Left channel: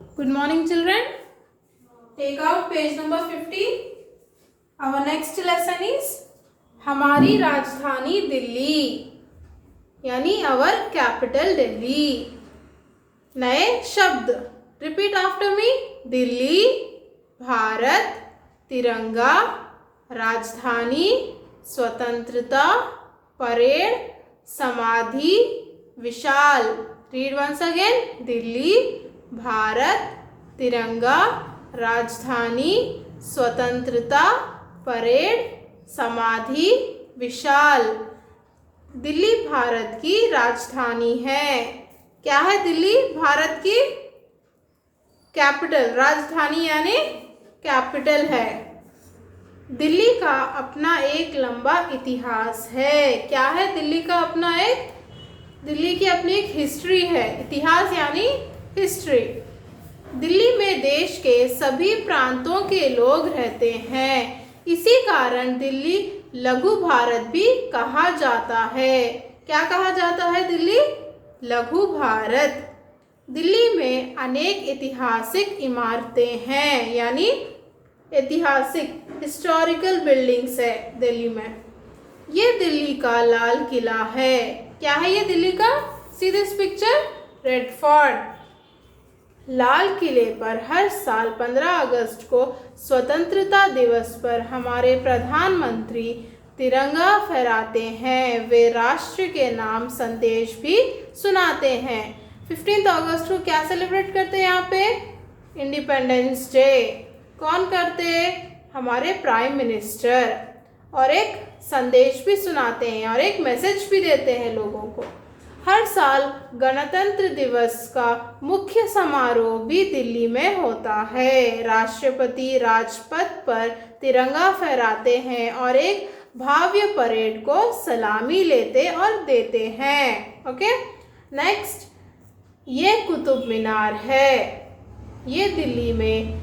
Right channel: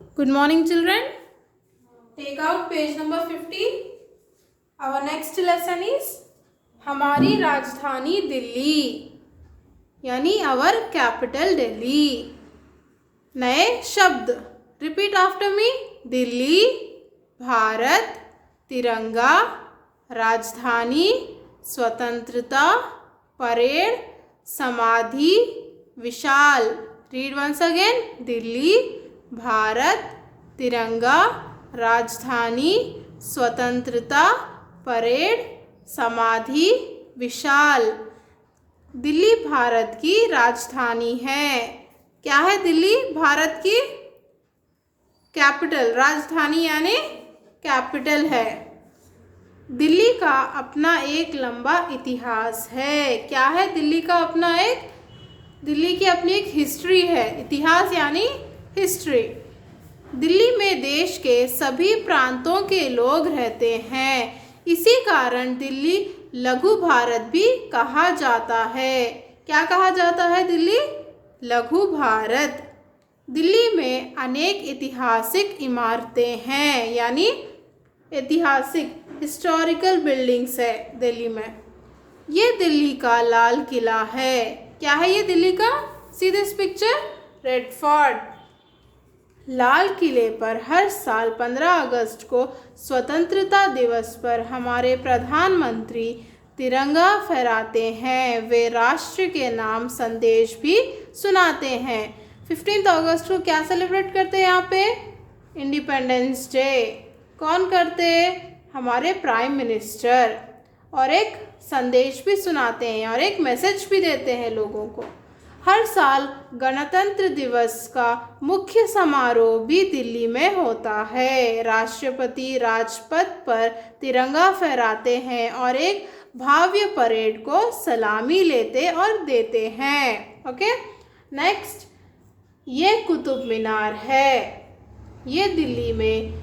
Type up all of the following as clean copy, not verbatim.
Good morning, children. Take out page number 50. Our next lesson is हमारी राजधानी दिल्ली, यानी our capital Delhi. नए शब्द. Repeat after me. Delhi, Bharat, तिरंगा, राजधानी, स्वतंत्रता, परेड, समाधि, विशाल. Read once again. Delhi, Bharat, तिरंगा, राजधानी, स्वतंत्रता, परेड, समाधि, विशाल. दिल्ली भारत की राजधानी है. क्या है दिल्ली? भारत की कैपिटल. राजधानी यानी कैपिटल है. दिल्ली का अपना एक लंबा इतिहास है. क्या है दिल्ली का अपना एक? दिल्ली की अपनी एक हिस्ट्री है. इतिहास यानी हिस्ट्री. दिल्ली में देश के सभी प्रांतों के लोग रहते हैं. इसी कारण दिल्ली लघु भारत भी कहा जाता है. क्या कहा जाता है? दिल्ली लघु भारत. दिल्ली में अनेक ऐतिहासिक इमारतें हैं, यानी ऐतिहासिक हिस्टोरिकल बिल्डिंग्स है दिल्ली में. ये दिल्ली का लाल किला है. क्या है ये दिल्ली का? See this picture. Red fort. लाल किले पर हर साल 15 अगस्त को स्वतंत्रता दिवस पर हमारे प्रधानमंत्री तिरंगा फहराते हैं. वे राष्ट्र के नाम संदेश भी सुनाते हैं. 15 अगस्त को क्या सेलिब्रेट करते हैं यहाँ पे? Independence day. कौन करते? हमारे प्राइम मिनिस्टर. और एक संदेश भी सुनाते हैं और एक मैसेज भी देते हैं लोगों को. हर साल गणतंत्र दिवस का मुख्य समारोह भी दिल्ली में होता है. राष्ट्रपति राजपथ पर तिरंगा फहराते हैं और एक भव्य परेड को सलामी लेते और देते हैं. Okay, next. ये कुतुब मीनार है. ये दिल्ली में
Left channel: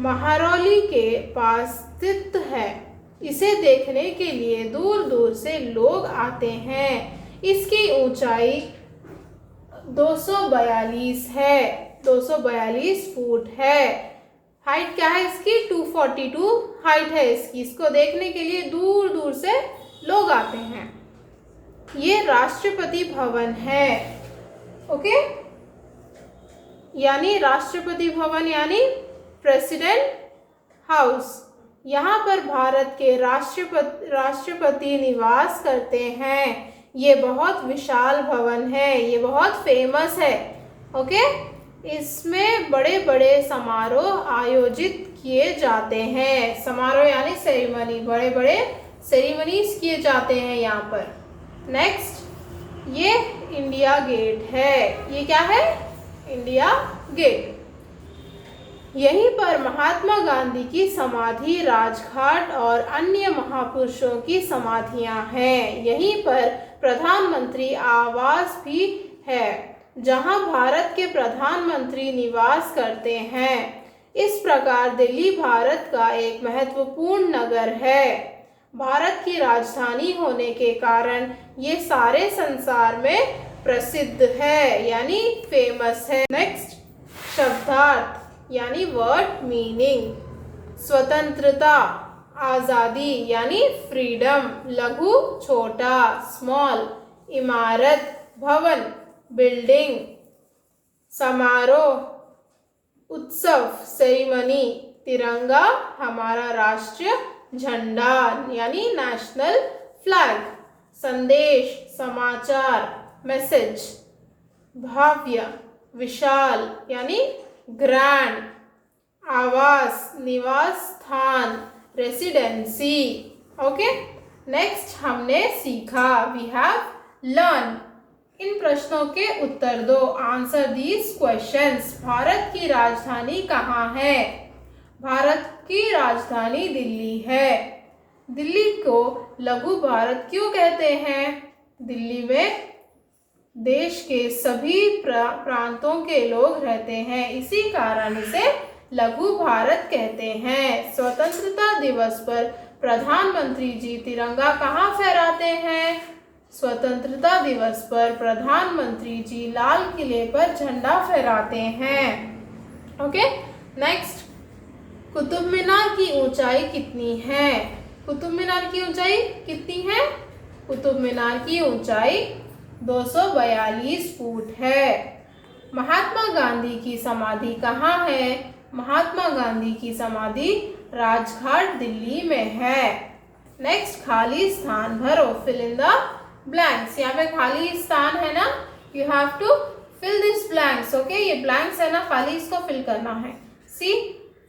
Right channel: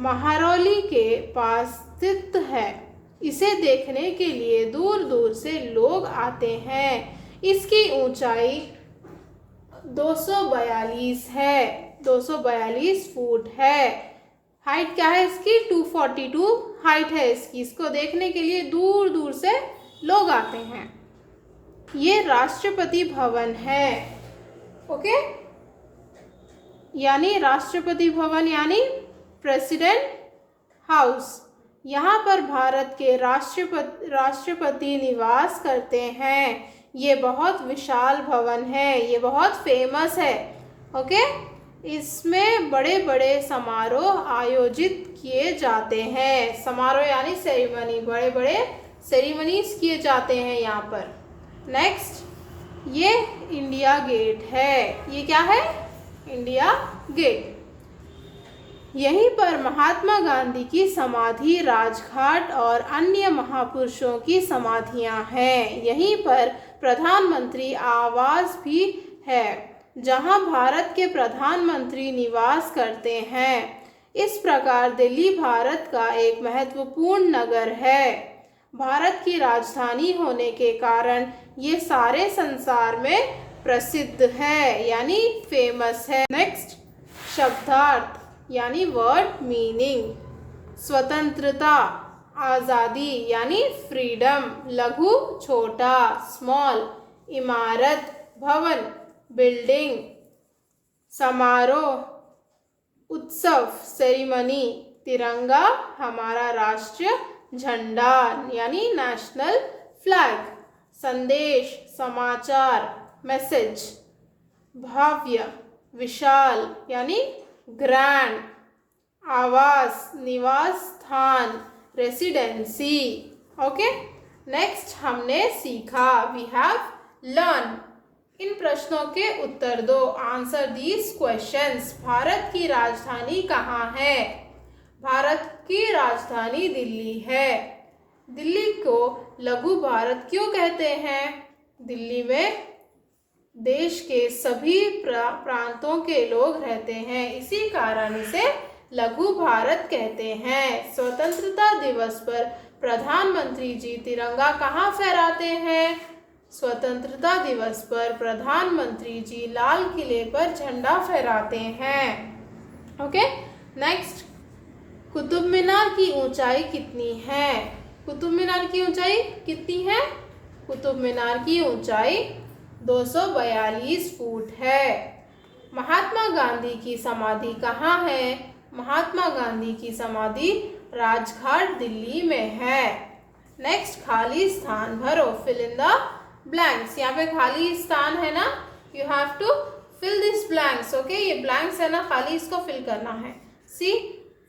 महरौली के पास स्थित है. इसे देखने के लिए दूर दूर से लोग आते हैं. इसकी ऊंचाई 242 है. 242 फुट है. हाइट क्या है इसकी? 242 हाइट है इसकी. इसको देखने के लिए दूर दूर से लोग आते हैं. ये राष्ट्रपति भवन है. ओके, यानी राष्ट्रपति भवन यानी प्रेसिडेंट हाउस. यहाँ पर भारत के राष्ट्रपति निवास करते हैं. ये बहुत विशाल भवन है. ये बहुत फेमस है. ओके, इसमें बड़े बड़े समारोह आयोजित किए जाते हैं. समारोह यानी सेरेमनी. बड़े बड़े सेरेमनीज किए जाते हैं यहाँ पर. नेक्स्ट, ये इंडिया गेट है. ये क्या है? India gate. यहीं पर महात्मा गांधी की समाधि, राजघाट और अन्य महापुरुषों की समाधियां हैं. यहीं पर प्रधानमंत्री आवास भी है, जहां भारत के प्रधानमंत्री निवास करते हैं. इस प्रकार दिल्ली भारत का एक महत्वपूर्ण नगर है. भारत की राजधानी होने के कारण ये सारे संसार में प्रसिद्ध है, यानी फेमस है. नेक्स्ट, शब्दार्थ यानी वर्ड मीनिंग. स्वतंत्रता, आज़ादी यानी फ्रीडम. लघु छोटा, स्मॉल. इमारत, भवन, बिल्डिंग. समारोह, उत्सव, सेरेमनी. तिरंगा, हमारा राष्ट्रीय झंडा यानी नेशनल फ्लैग. संदेश, समाचार, मैसेज. भव्य, विशाल यानी ग्रैंड. आवास, निवास स्थान, रेसिडेंसी. ओके, नेक्स्ट हमने सीखा. We have learn. इन प्रश्नों के उत्तर दो. Answer these questions. भारत की राजधानी कहाँ है? भारत की राजधानी दिल्ली है. दिल्ली को लघु भारत क्यों कहते हैं? दिल्ली में देश के सभी प्रांतों के लोग रहते हैं. इसी कारण इसे लघु भारत कहते हैं. स्वतंत्रता दिवस पर प्रधानमंत्री जी तिरंगा कहाँ फहराते हैं? स्वतंत्रता दिवस पर प्रधानमंत्री जी लाल किले पर झंडा फहराते हैं. ओके। नेक्स्ट, कुतुब मीनार की ऊंचाई कितनी है? कुतुब मीनार की ऊंचाई कितनी है? कुतुब मीनार की ऊंचाई 242 फुट है। महात्मा गांधी की समाधि कहाँ है? महात्मा गांधी की समाधि राजघाट दिल्ली में है। नेक्स्ट, खाली स्थान भरो, फिल इन द ब्लैंक्स। यहाँ पे खाली स्थान है ना, you have to fill this blanks. Okay, ये ब्लैंक्स है ना, खाली इसको फिल करना है। See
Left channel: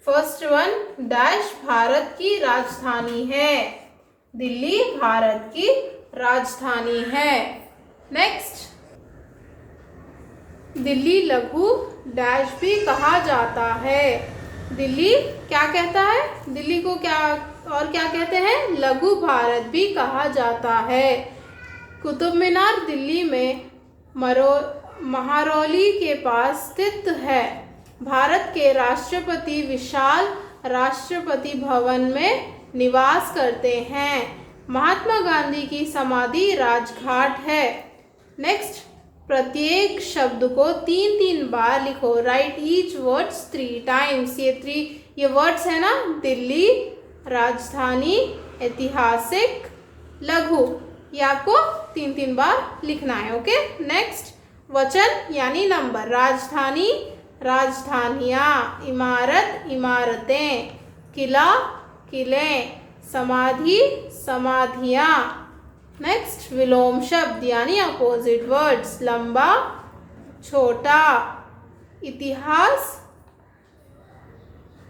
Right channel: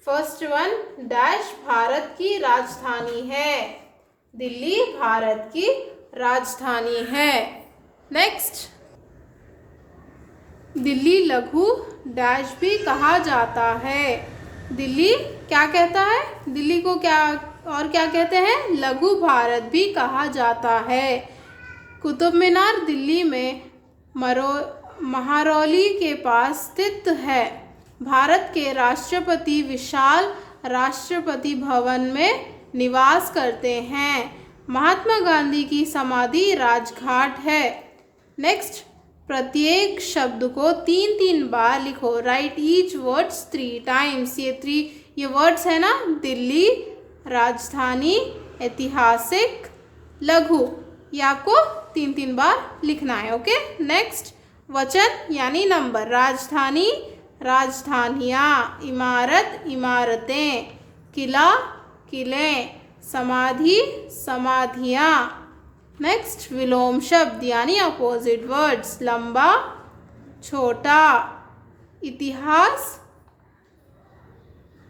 first one, dash Bharat की राजधानी है। दिल्ली भारत की राजधानी है। नेक्स्ट, दिल्ली लघु डैश भी कहा जाता है। दिल्ली क्या कहता है? दिल्ली को क्या और क्या कहते हैं? लघु भारत भी कहा जाता है। कुतुब मीनार दिल्ली में महरौली के पास स्थित है। भारत के राष्ट्रपति विशाल राष्ट्रपति भवन में निवास करते हैं। महात्मा गांधी की समाधि राजघाट है। नेक्स्ट, प्रत्येक शब्द को 3 बार लिखो। Right each words 3 times. ये वर्ड्स है ना, दिल्ली, राजधानी, ऐतिहासिक, लघु, ये आपको 3 बार लिखना है। ओके। नेक्स्ट, वचन यानी नंबर। राजधानी, राजधानियाँ, इमारत, इमारतें, किला, किले, समाधि, समाधियाँ। नेक्स्ट, विलोम शब्द यानी अपोजिट वर्ड्स। लंबा, छोटा, इतिहास,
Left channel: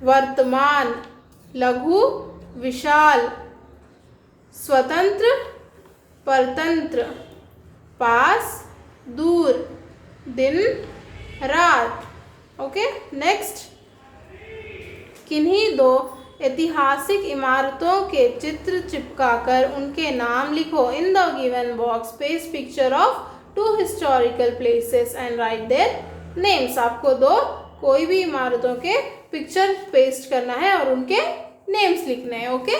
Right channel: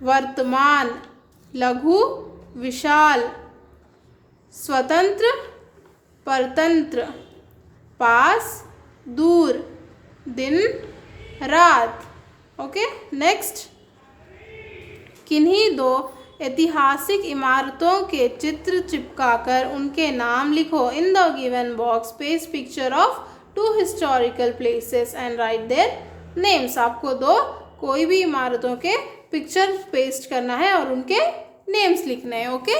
वर्तमान, लघु, विशाल, स्वतंत्र, परतंत्र, पास, दूर, दिन, रात। ओके। नेक्स्ट, किन्हीं 2 ऐतिहासिक इमारतों के चित्र चिपकाकर उनके नाम लिखो। In the given box paste picture of 2 historical places and right their names. आपको 2 कोई भी इमारतों के पिक्चर पेस्ट करना है और उनके नेम्स लिखने हैं। ओके।